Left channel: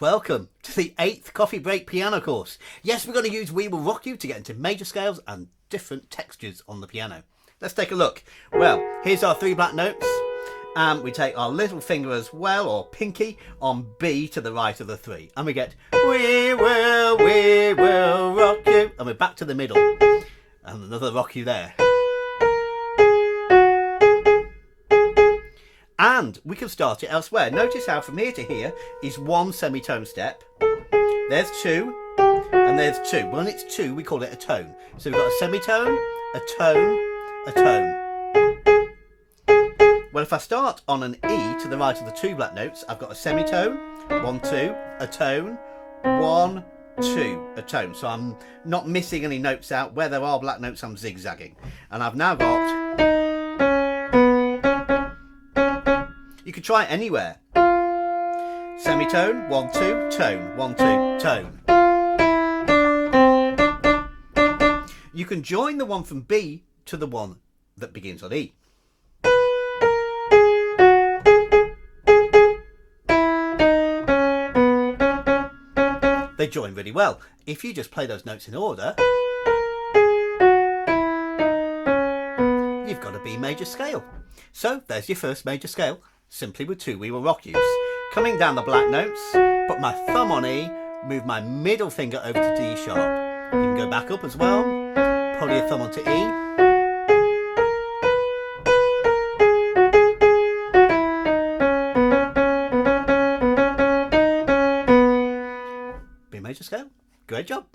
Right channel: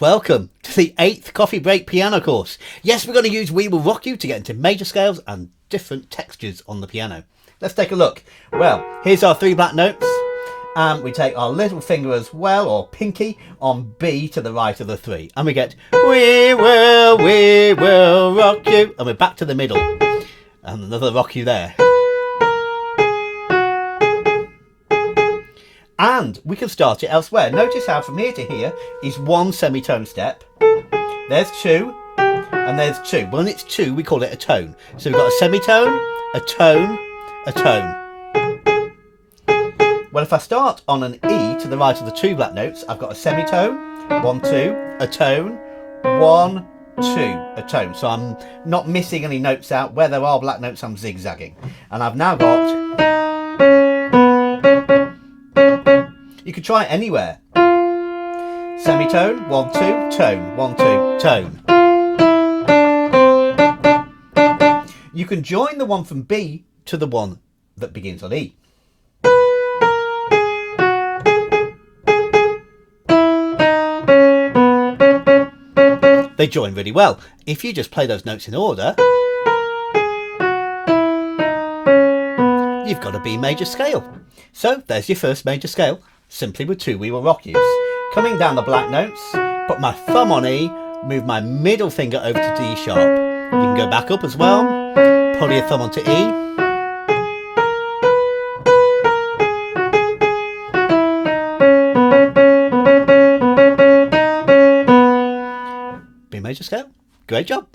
Welcome to the 8th coffee break piano course. Yes, we're going to use We Will Rock You to get into major scales and different textures on the piano. Let's take a look. Well, here's our 3 black notes. And we take our little finger as well, or pinky, on B to the right of the 3. And we get we will rock you. And we're back to the middle. And another rock you there. And we can start it elsewhere. Notice how from here to here is 1 semitone step. There's 2, and there's 2. When it's 2, we call it a tone. So we've got a semitone, a tone, a tone. Well, if I start on an E to the right of the 2 black notes, I've got a semitone, 1, 2, a tone, 1, 2, a tone. So I'm not missing any notes out. Where there are black notes, I'm zigzagging. And I've now got... You could try it anywhere. Semitone, 1, 2, tone, 1, 2, tone. You can join the one from B to the one that begins on E. They join really well. If you just play those notes in order, you've got a B major scale. So there's your first major scale. Simply with 2 We Will Rock Yous. Coming down the black notes, put my thumb on E, move my middle finger over to D sharp. You can go back up as well, pull your thumb onto E. B major scale, great job.